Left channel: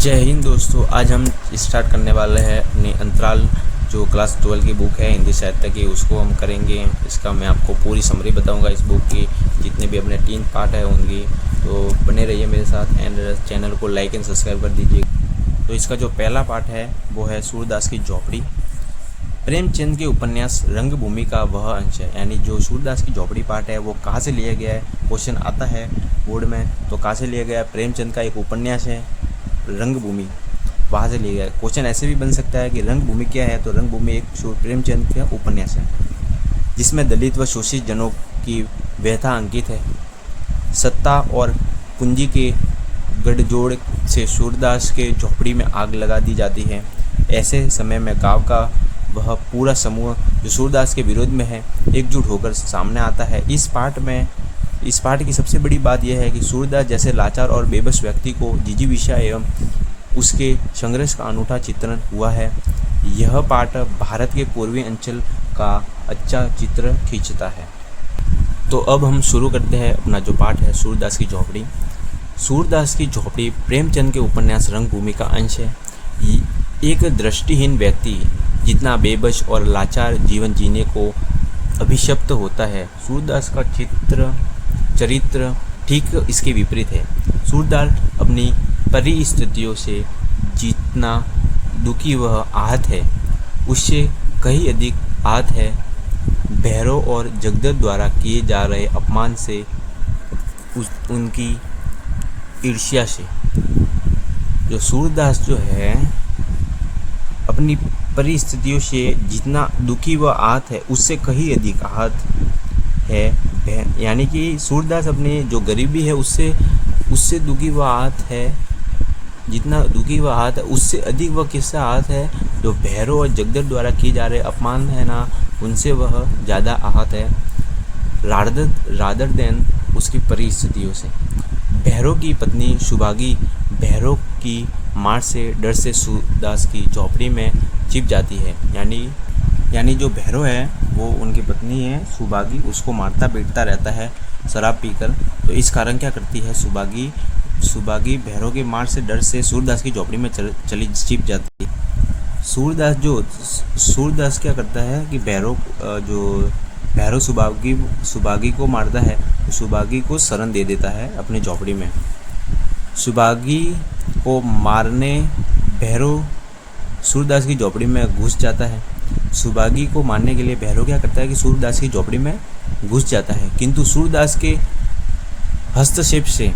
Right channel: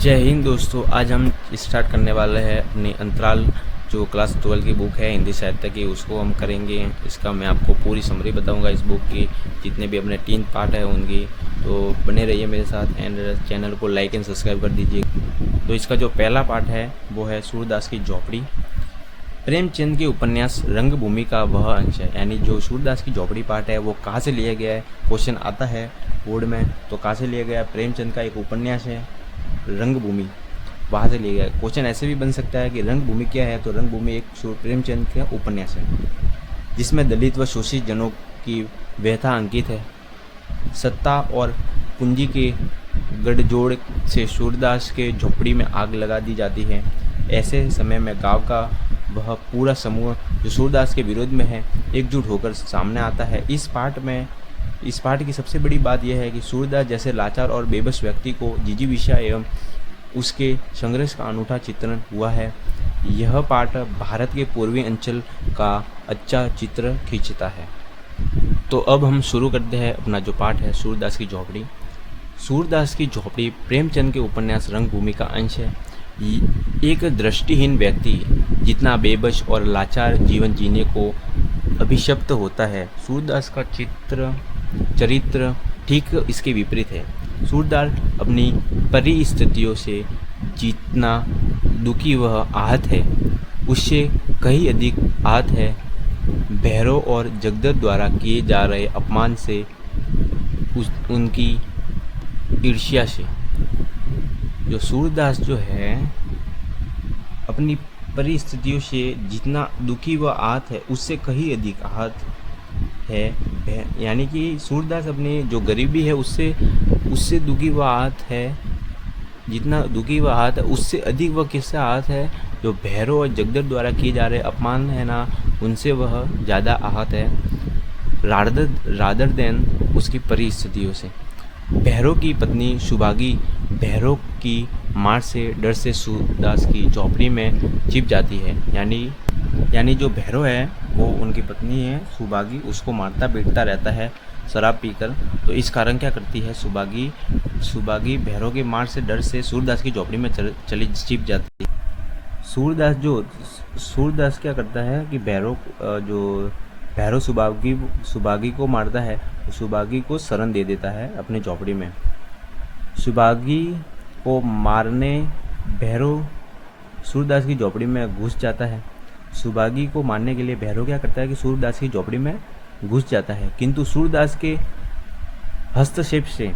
जय हिंद दोस्तों। आज हम स्टार्ट करने वाले हैं अपनी अंतराल जो क्लास 12 की बुक है हिंदी साहित्य की, उसको हम करेंगे। इसका मैं आपको पूरी समरी बताऊंगा इस बुक की, जितने भी अपने 3 पार्ट है उनकी। तो बने रहिए मेरे साथ एंड चैनल को लाइक एंड सब्सक्राइब कर दीजिए। तो इसका जो पहला पार्ट है वो है सूरदास की झोपड़ी। प्रेमचंद के उपन्यास रंगभूमि का वह अंश है, यानी जो सूरदास की झोपड़ी पार्ट है वो कहाँ से लिया गया है, क्वेश्चन आता है बोर्ड में। तो कहाँ से लिया गया है? प्रेमचंद का एक उपन्यास है रंगभूमि, वहाँ से लिया गया है। क्वेश्चन ऐसे भी बन सकता है कि रंगभूमि क्या है, तो रंगभूमि एक प्रेमचंद का उपन्यास है जिसमें दलित व शोषित जनों की व्यथा अंकित है। सत्ता और पूंजी के गठजोड़ से सूरदास के झोपड़ी में आग लगा दी जाती है। ऐसे समय में गांव का वह पूरा समूह जो सूरदास के विरोध में है एकजुट होकर सामने आता है। इस पार्ट की सबसे बड़ी बात यह है कि सूरदास जैसे लाचार और बेबस व्यक्ति को जिजीविषा एवं उसके संघर्ष का अनूठा चित्रण हुआ है। यह पार्ट भारत के पूर्वी अंचल का अच्छा चित्र खींचता है। तो अब हम शुरू करते हैं अपना जो पार्ट है सूरदास की झोपड़ी। सूरदास की झोपड़ी प्रेमचंद के उपन्यास रंगभूमि का अंश है। एक दृष्टिहीन व्यक्ति जितना बेबस और लाचार जीवन जीने को अभिशप्त होता है, सूरदास का चरित्र ठीक इसके विपरीत है। सूरदास अपनी परिस्थितियों से जितना दुखी वह आहत है, उससे कहीं अधिक आहत है भैरव और जगदर द्वारा किए जा रहे अपमान से, उनकी ईर्ष्या से। जो सूरदास जो है अपनी परिस्थितियों से जितना दुखी व आहत है उससे कहीं अधिक आहत है, यानी कि सूरदास अपनी जो गरीबी है उससे दुखी व आहत है। जितना दुखी व आहत है उससे अधिक वह किससे आहत है? जो भैरव और जगदर द्वारा किए जा रहे अपमान है ना, उनसे वह ज़्यादा आहत है रादर देन उसकी परिस्थितियों से। भैरव की पत्नी सुभागी भैरव की मार से डर से सूरदास की झोपड़ी में छिप जाती है। यानी जो भैरव है वो उनकी पत्नी है सुभागी, उसको मारता पीटता रहता है शराब पीकर। तो इस कारण क्या करती है सुभागी भैरव की मार से डर से सूरदास की झोपड़ी में चली छिप जाती है। सूरदास क्या करता है कि भैरव सुभागी को मारता है, तो सुभागी को शरण दे देता है अपनी झोपड़ी में। सुभागी को मारने भैरव सूरदास की झोपड़ी में घुस जाता है। सुभागी को मारने के लिए भैरव क्या करता है कि सूरदास की झोपड़ी में घुस जाता है, किंतु सूरदास के हस्तक्षेप से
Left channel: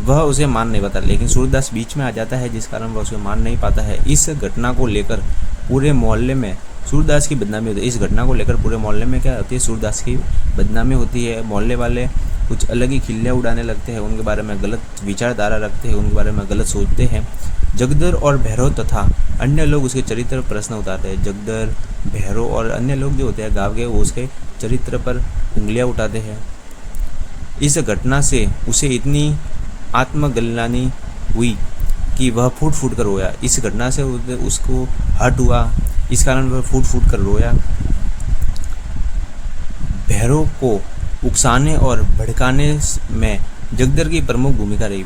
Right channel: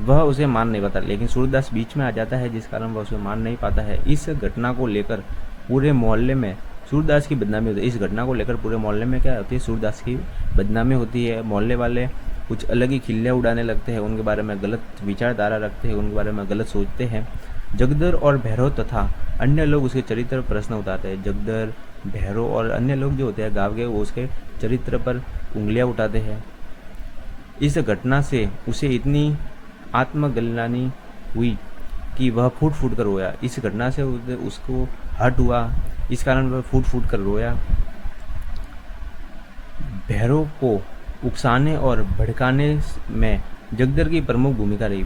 वह उसे मार नहीं पाता, लेकिन सूरदास बीच में आ जाता है जिस कारण वह उसे मार नहीं पाता है। इस घटना को लेकर पूरे मोहल्ले में सूरदास की बदनामी होती है। इस घटना को लेकर पूरे मोहल्ले में क्या होती है? सूरदास की बदनामी होती है। मोहल्ले वाले कुछ अलग ही खिल्लियाँ उड़ाने लगते हैं, उनके बारे में गलत विचारधारा रखते हैं, उनके बारे में गलत सोचते हैं। जगदर और भैरव तथा अन्य लोग उसके चरित्र पर प्रश्न उठाते हैं। जगदर, भैरव और अन्य लोग जो होते हैं गाँव के, वो उसके चरित्र पर उंगलियां उठाते हैं। इस घटना से उसे इतनी आत्मग्लानि हुई कि वह फूट फूट कर रोया। इस घटना से उसको हर्ट हुआ, इस कारण वह फूट फूट कर रोया। भैरव को उकसाने और भड़काने में जगदर की प्रमुख भूमिका रही।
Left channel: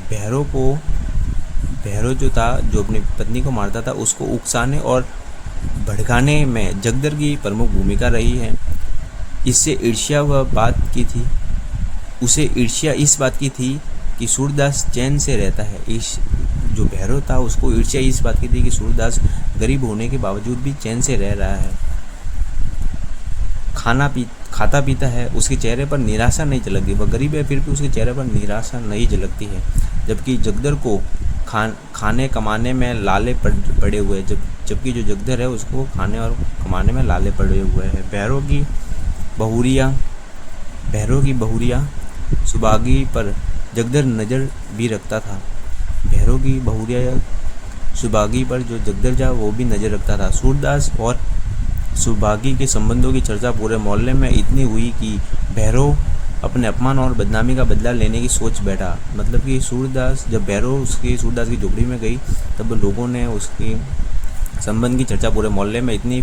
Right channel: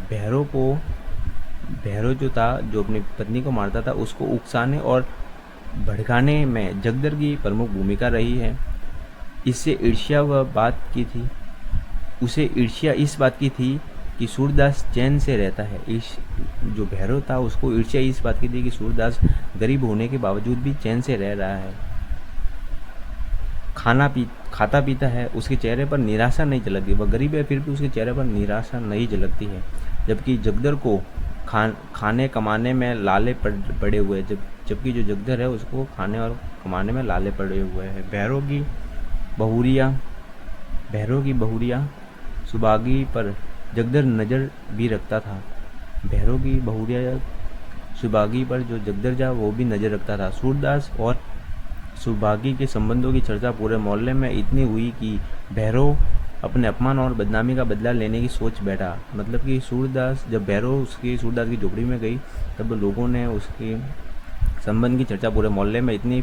भैरव जो था, जो अपनी पत्नी को मारता था, उसको उकसाने और भड़काने में जगदर की प्रमुख भूमिका रही है। इससे ईर्ष्या उसे ईर्ष्या इस बात की थी कि सूरदास चैन से रहता है। जो भैरव था उसको ईर्ष्या इस बात की थी कि सूरदास गरीब होने के बावजूद भी चैन से रह रहा है, खाता पीता है, उसके चेहरे पर निराशा नहीं झलकती। वह गरीब है फिर भी उसके चेहरे पर निराशा नहीं झलकती है। जबकि जगदर को खाने कमाने में लाले पड़े हुए, जबकि जो जगदर है उसको खाने और कमाने में लाले पड़े हुए हैं। भैरव की बहुरिया सुभागी पर जगदर नज़र भी रखता था। भैरव की बहुरिया सुभागी पर जो जगदर जा वो भी नज़र रखता था। सूरदास और सुभागी के संबंधों की चर्चा पूरे मोहल्ले में इतनी हुई कि भैरव अपने अपमान और बदनामी का बदला लेने की सोच बैठा। मतलब कि जब भैरव सूरदास की झोपड़ी में गई, तब लोगों ने उसके संबंध की चर्चा पूरे मोहल्ले में इतनी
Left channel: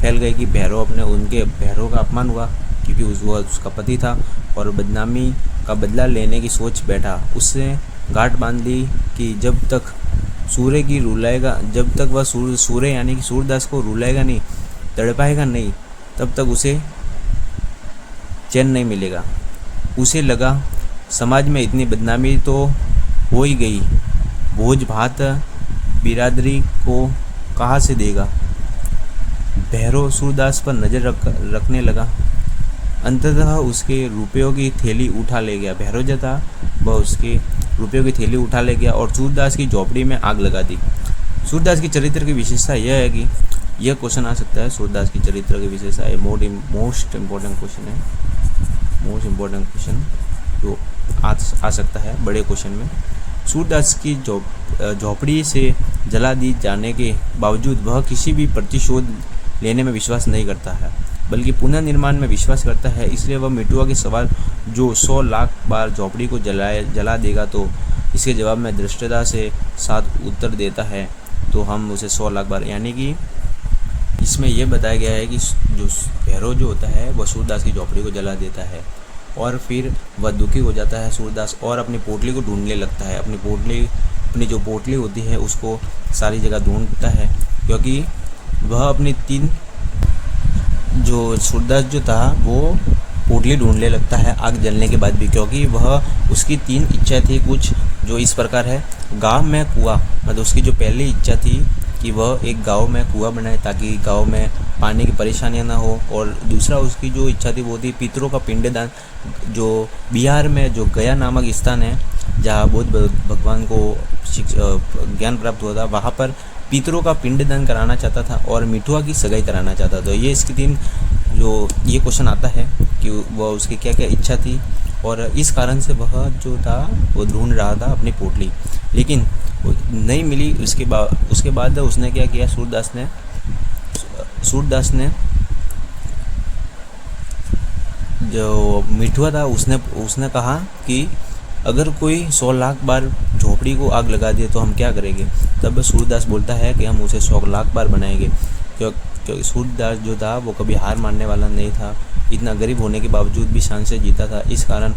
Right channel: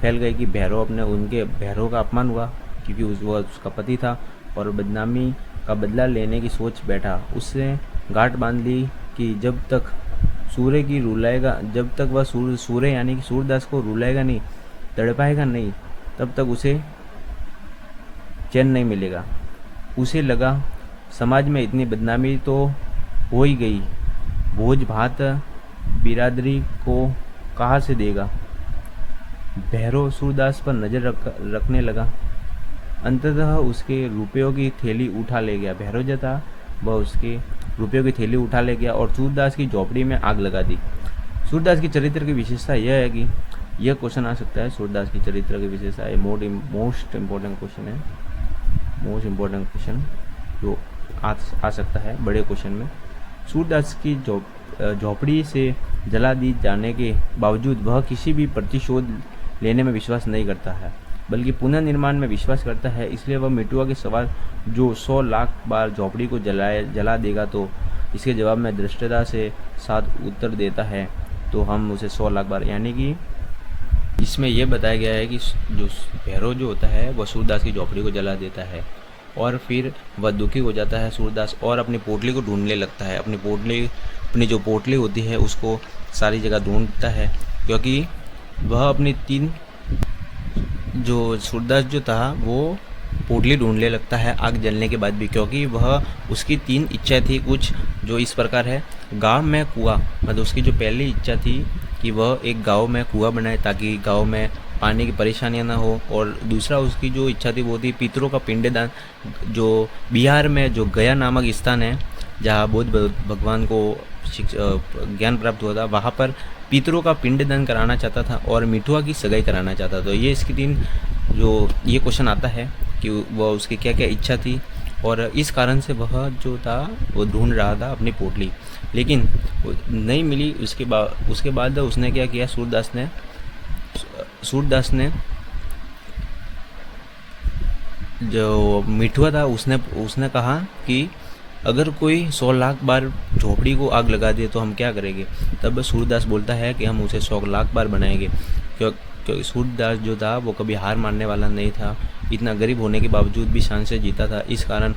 फैल गई कि भैरव का अपमान हुआ, क्योंकि वह उसका पति था, और बदनामी का बदला लेने की सोच बैठा। उससे गांठ बांध ली कि जब तक सूर्य की रुलाएगा, जब तक वह सूर्य यानी कि सूरदास को रुलाएगा नहीं, तड़पाएगा नहीं, तब तक उसे चैन नहीं मिलेगा। उसे लगा समाज में इतनी बदनामी तो हो ही गई, भोज भात बिरादरी को कहाँ से देगा। भैरव सूरदास पर नज़र रखने लगा। अंततः उसके रुपयों की थैली उठा ले गया। भैरव जो था वह उसके रुपयों की थैली उठा ले गया और सूरदास की झोपड़ी में आग लगा दी। सूरदास की चरित्र की विशेषता यह है कि यह क्वेश्चन आ सकता है, सूरदास की चरित्र की विशेषता ये मोस्ट इम्पोर्टेंट क्वेश्चन है, मोस्ट इम्पोर्टेंट क्वेश्चन जो आ सकता है बड़े क्वेश्चन में। सूरदास की झोपड़ी से जला दी जाने के बावजूद वह किसी भी प्रतिशोध लेने में विश्वास नहीं करता है, बल्कि पुनर्निर्माण में विश्वास करता है। इसलिए वह मिठुआ के सवाल जो 100 लाख बार झोपड़ी को जला देगा तो इसके जवाब में दृष्टता से साथ उत्तर देता है, तो हम उसे 100 लाख बार, यानी कि इसमें यह बताया गया है कि जो भैरव जो होता है वह सूरदास की झोपड़ी को जला देता है और फिर वह दुखी हो जाता है सूरदास और अपनी पोटली को ढूंढने लगता है। अपनी जो पोटली होती है उसको सारी जगह ढूंढता है, क्योंकि वह अपनी 3 जो सूरदास जो था वो पोटली ढूंढने लगता है आग जलने के बाद भी, क्योंकि वह उसकी 3 इच्छा थी कुछ जो इस प्रकार है। गांव में कुआं, मतलब उसकी जो पहली इच्छा थी कि वह एक गांव में कुआं बनाए ताकि गांव में पानी की परेशानियां ना हो, और दूसरा उसकी जो इच्छा थी वो थी पितरों का पिंडदान। जो बिहार में जो गया नामक स्थान है जहाँ बुद्ध भगवान को ज्ञान प्राप्त हुआ था, वहाँ पर पितरों का पिंडदान कराना चाहता था और मिठुआ की सगाई कराना चाहता था। तो ये इसकी 3 जो ये क्वेश्चन आता है कि वह उसकी क्या क्या इच्छा थी और इस कारण से वह जो था वो ढूंढ रहा था अपनी पोटली, लेकिन नहीं मिली। उसके बाद उसने क्या किया, सूरदास ने जो मिठुआ था उसने कहा कि अगर कोई 100 लाख बार झोपड़ी को आग लगा दे तो हम क्या करेंगे। तब सूरदास बोलता है कि हम उसे 100 लाख बार बनाएंगे, क्योंकि सूरदास जो था वो कभी हार मानने वाला नहीं था। इतना गरीब होने के बावजूद भी शान से जीता था, इस कारण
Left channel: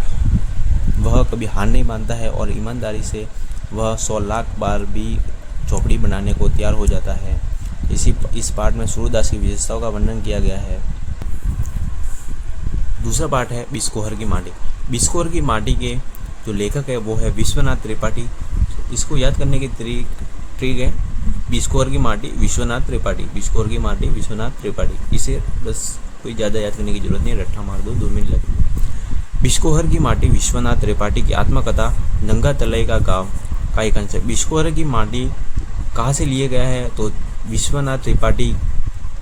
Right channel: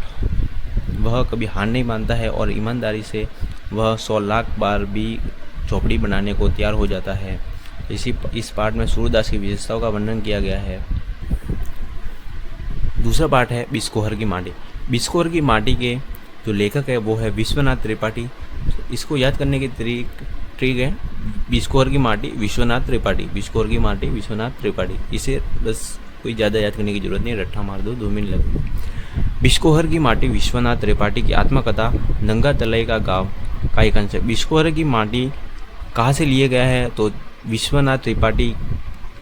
वह कभी हार नहीं मानता है और ईमानदारी से वह 100 लाख बार भी झोपड़ी बनाने को तैयार हो जाता है। इस पार्ट में सूरदास की विशेषताओं का वर्णन किया गया है। दूसरा पार्ट है बिस्कोहर की माटी। बिस्कोहर की माटी के जो लेखक है वो है विश्वनाथ त्रिपाठी। इसको याद करने की ट्रिक है बिस्कोहर की माटी विश्वनाथ त्रिपाठी, बिस्कोहर की माटी विश्वनाथ त्रिपाठी। इसे बस कोई ज़्यादा याद करने की जरूरत नहीं, रट्टा मार दो, 2 मिनट लगेंगे। बिस्कोहर की माटी विश्वनाथ त्रिपाठी की आत्मकथा नंगा तलाई का गाँव का एक अंश है। बिस्कोहर की माटी कहाँ से लिया गया है, तो विश्वनाथ त्रिपाठी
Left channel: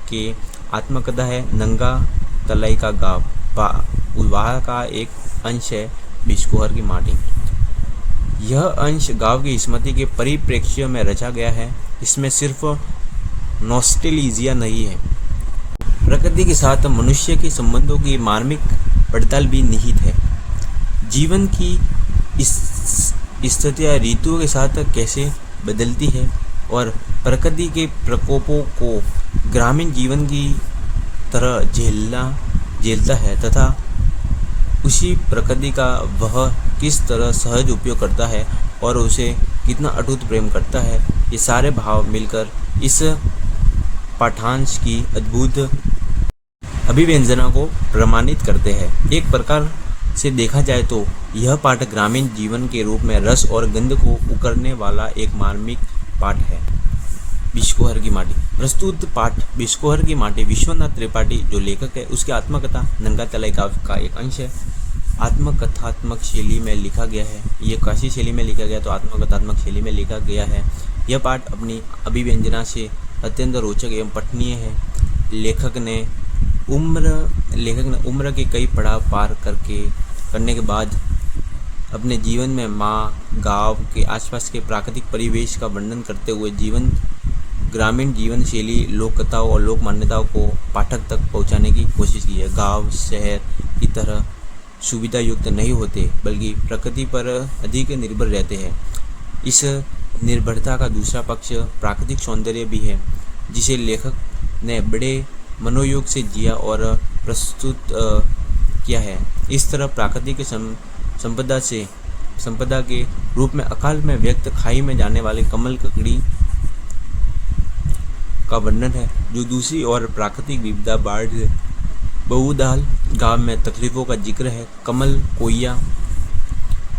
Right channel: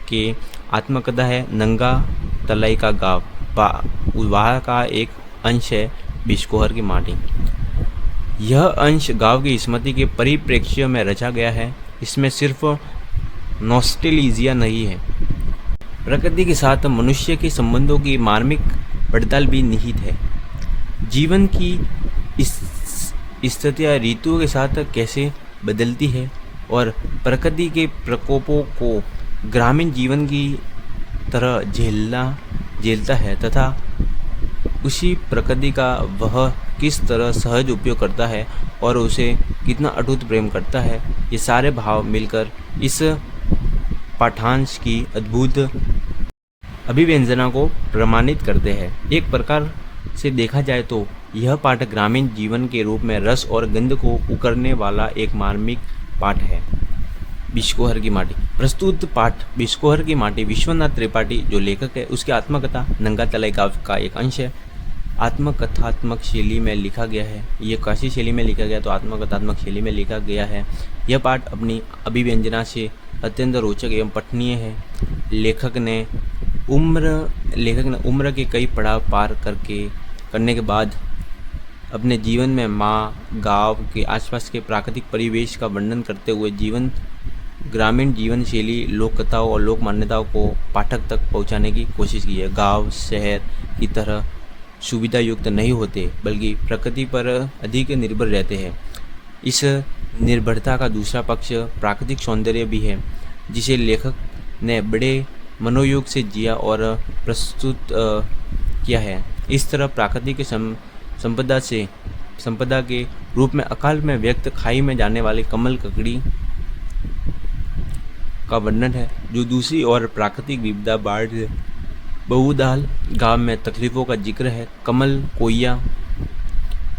के आत्मकथा है नंगा तलाई का गाँव, वहाँ का एक अंश है बिस्कोहर की माटी। यह अंश गांव की स्मृति के परिप्रेक्ष्य में रचा गया है। इसमें सिर्फ नॉस्टेल्जिया नहीं है, प्रकृति के साथ मनुष्य के संबंधों की मार्मिक पड़ताल भी निहित है। जीवन की स्थितियाँ ऋतुओं के साथ कैसे बदलती है और प्रकृति के प्रकोपों को ग्रामीण जीवन की तरह झेलता है तथा उसी प्रकृति का वह किस तरह सहज उपयोग करता है और उसे कितना अटूट प्रेम करता है, ये सारे भाव मिलकर इस पाठांश की अद्भुत अभिव्यंजना को प्रमाणित करते हैं। एक प्रकार से देखा जाए तो यह पाठ ग्रामीण जीवन के रूप में रस और गंध को उकरने वाला एक मार्मिक पाठ है। बिस्कोहर की माटी। प्रस्तुत पाठ बिस्कोहर की माटी विश्वनाथ त्रिपाठी जो लेखक है उसकी आत्मकथा नंगा तलाई गाँव का एक अंश है। आत्मकथात्मक शैली में लिखा गया है, ये कैसी शैली में लिखा गया तो आत्मकथात्मक शैली में लिखा गया है। यह पाठ अपनी अभिव्यंजना से अत्यंत रोचक एवं पठनीय है। लेखक ने उम्र के कई पड़ाव पार करने के बाद अपने जीवन में माँ, गांव के आसपास के प्राकृतिक परिवेश का वर्णन करते हुए ग्रामीण जीवन शैली, लोक कथाओं और लोक मान्यताओं को पाठक तक पहुंचाने की कोशिश की है। गांव शहर की तरह सुविधा युक्त नहीं होते, बल्कि प्रकृति पर अधिक निर्भर रहते हैं। इस निर्भरता का दूसरा पक्ष प्राकृतिक सौंदर्य भी है, जिसे लेखक ने बड़े मनोयोग से जिया और प्रस्तुत किया है। इस तरह प्रकृति के संपदा के रूप में अकाल में व्यक्त खाई में जाने वाली कमल ककड़ी का वर्णन है, जो दूसरी ओर प्राकृतिक विविधता बाढ़ है। बहुदाल गांव में तकलीफों का जिक्र है। कमल, कोइया,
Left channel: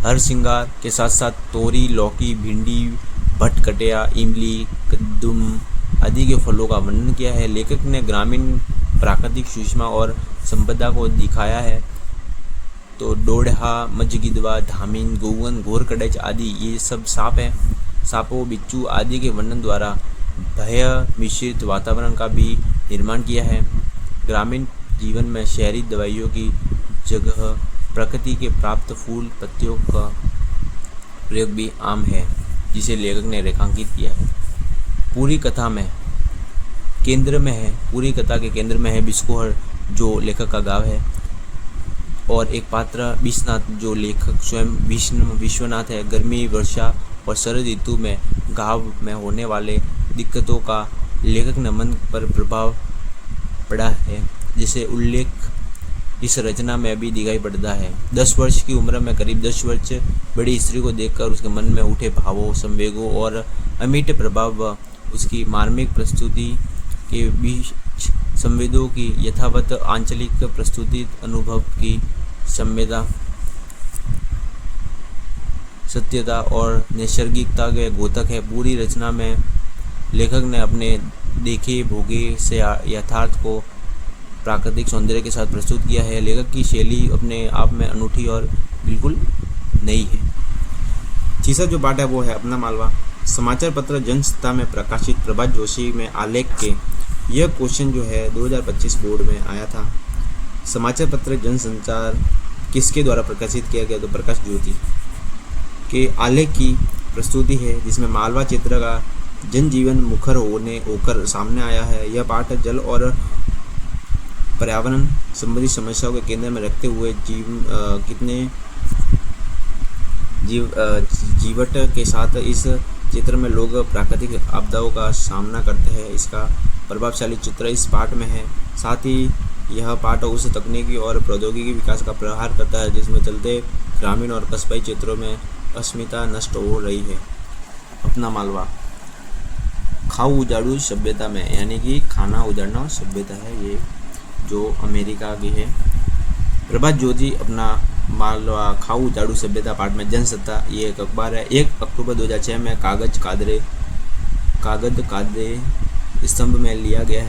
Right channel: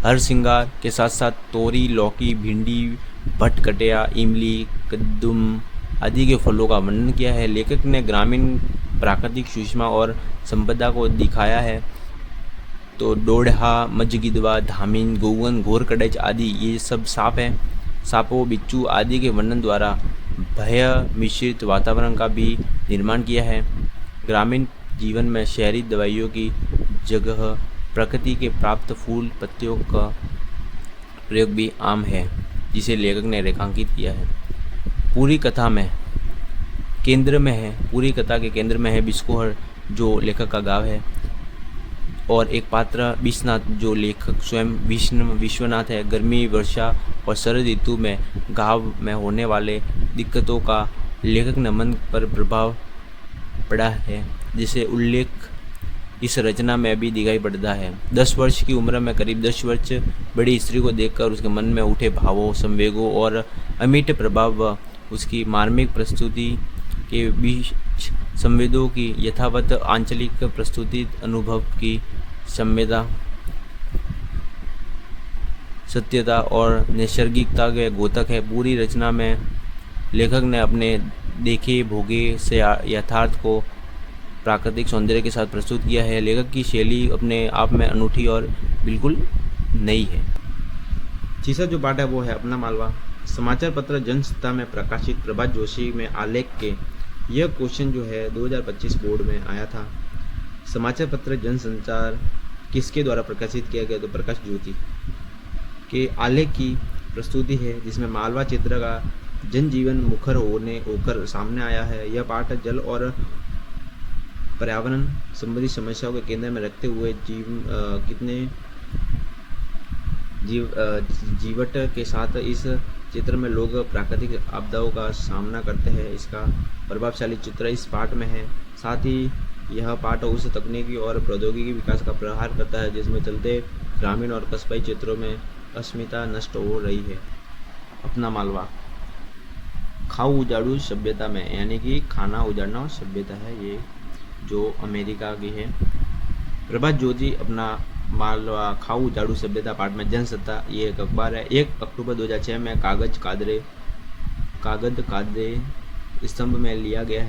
हर सिंगार के साथ साथ तोरी, लौकी, भिंडी, भटकटिया, इमली, कद्दूम आदि के फलों का वर्णन किया है। लेखक ने ग्रामीण प्राकृतिक सुषमा और संपदा को दिखाया है। तो डोढ़ा, मजगिदवा, धामिन, गोवन, घोरकड़च आदि ये सब सांप हैं। सांपों, बिच्छू आदि के वर्णन द्वारा भय मिश्रित वातावरण का भी निर्माण किया है। ग्रामीण जीवन में शहरी दवाइयों की जगह प्रकृति के प्राप्त फूल पत्तियों का प्रयोग भी आम है, जिसे लेखक ने रेखांकित किया है। पूरी कथा के केंद्र में है बिस्कोहर, जो लेखक का गाँव है, और एक पात्र विश्वनाथ, जो लेखक स्वयं विश्वनाथ है। गर्मी, वर्षा और शरद ऋतु में गाँव में होने वाले दिक्कतों का लेखक ने मन पर प्रभाव पड़ा है, जिसे उल्लेख इस रचना में भी दिखाई पड़ता है। 10 वर्ष की उम्र में करीब 10 वर्ष बड़ी स्त्री को देखकर उसके मन में उठे भावों, संवेगों और अमिट प्रभाव व उसकी मार्मिक प्रस्तुति के बीच संवेदों की यथावत आंचलिक प्रस्तुति अनुभव की संवेदा, सत्यता और नैसर्गिकता के द्योतक है। पूरी रचना में लेखक ने अपने देखे भोगे से यथार्थ को प्राकृतिक सौंदर्य के साथ प्रस्तुत किया है। लेखक की शैली अपने आप में अनूठी और बिल्कुल नई है। तीसरा जो पाठ है वो है अपना मालवा। समाचार पत्र जनसत्ता में प्रकाशित प्रभात जोशी में आलेख के यह क्वेश्चन जो है 2025 बोर्ड में आया था। समाचार पत्र जनसंचार किसके द्वारा प्रकाशित किया गया? तो प्रकाश ज्योति के आलेख की प्रस्तुति है, जिसमें मालवा क्षेत्र का जनजीवन मुखर होकर सामने आया है। यह पाठ जल और पर्यावरण संबंधी समस्याओं के केंद्र में रखते हुए जीवट के साथ इस चित्र में लोग प्राकृतिक आपदाओं का सामना करते हैं, इसका प्रभावशाली चित्र इस पाठ में है। साथ ही यह पाठ उस तकनीकी और प्रौद्योगिकी विकास का प्रहार करता है, जिसमें चलते ग्रामीण और कस्बई क्षेत्रों में अस्मिता नष्ट हो रही है। अपना मालवा खाऊ उजाड़ू सभ्यता में, यानी कि खाना उजाड़ना सभ्यता है, ये जो अमेरिका की है। प्रभात ज्योति अपना मालवा खाऊ उजाड़ू सभ्यता पाठ में जनसत्ता, ये एक अखबार है। 1 अक्टूबर 2006 में कागज कादरे स्तंभ में लिया गया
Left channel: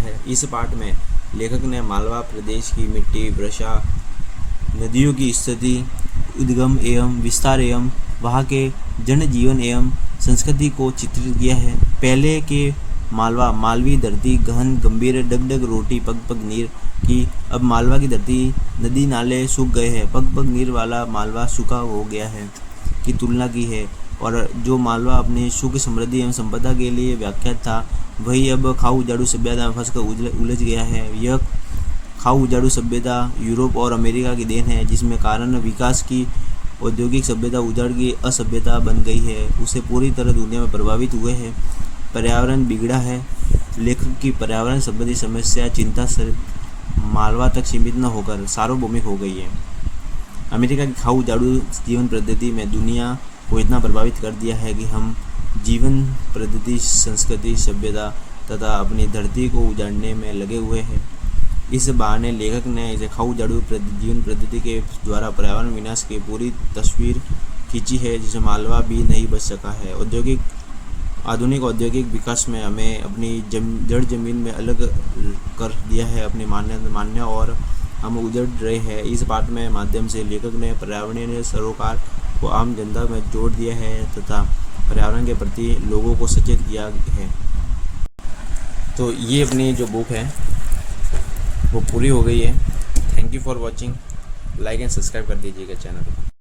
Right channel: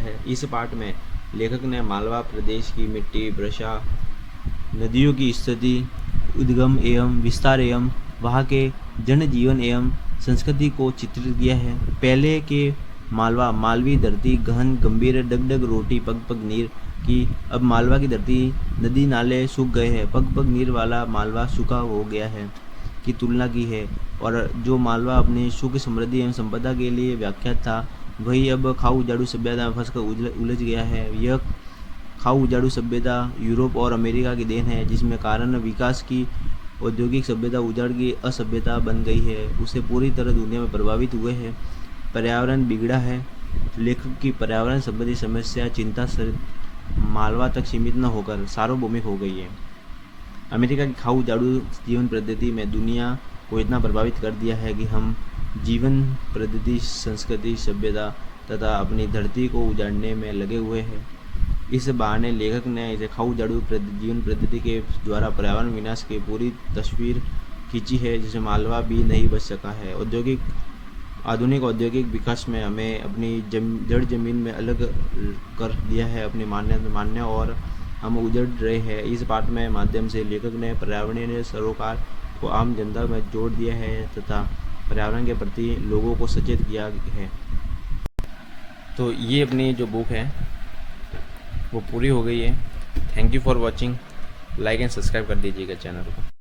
है। इस पाठ में लेखक ने मालवा प्रदेश की मिट्टी, वर्षा, नदियों की स्थिति, उद्गम एवं विस्तार एवं वहाँ के जनजीवन एवं संस्कृति को चित्रित किया है। पहले के मालवा, मालवी धरती गहन गंभीर डगडग रोटी पग पग नीर की, अब मालवा की धरती नदी नाले सूख गए हैं, पग पग नीर वाला मालवा सूखा हो गया है की तुलना की है। और जो मालवा अपनी सुख, समृद्धि एवं संपदा के लिए व्याख्यात था, वही अब खाऊ उजाड़ू सभ्यता में फंसकर उलझ गया है। यह खाऊ उजाड़ू सभ्यता यूरोप और अमेरिका की देन है, जिसमें कारण विकास की औद्योगिक सभ्यता उजाड़ की असभ्यता बन गई है, उसे पूरी तरह दुनिया में प्रभावित हुए हैं। पर्यावरण बिगड़ा है। लेखक की पर्यावरण संबंधी समस्या चिंता सिर्फ मालवा तक सीमित न होकर सार्वभौमिक हो गई है। अमेरिका की खाऊ उजाड़ू जीवन पद्धति में दुनिया को इतना प्रभावित कर दिया है कि हम जीवन पद्धति, संस्कृति, सभ्यता तथा अपनी धरती को उजाड़ने में लगे हुए हैं। इस बहाने लेखक ने इसे खाऊ उजाड़ू जीवन पद्धति के द्वारा पर्यावरण विनाश की पूरी तस्वीर खींची है, जिसे मालवा भी नहीं बच सका है। आधुनिक औद्योगिक विकास में हमें अपनी जड़ जमीन में अलग कर दिया है, अपनी मान्य और हम उजड़ रहे हैं। इस पाठ में माध्यम से लेखक ने पर्यावरणीय सरोकार को आम जनता में जोड़ दिया है तथा पर्यावरण के प्रति लोगों को सचेत किया है। तो ये अपनी जो बुक है वो पूरी हो गई है। Thank you for watching. Like and subscribe कर दीजिएगा चैनल को।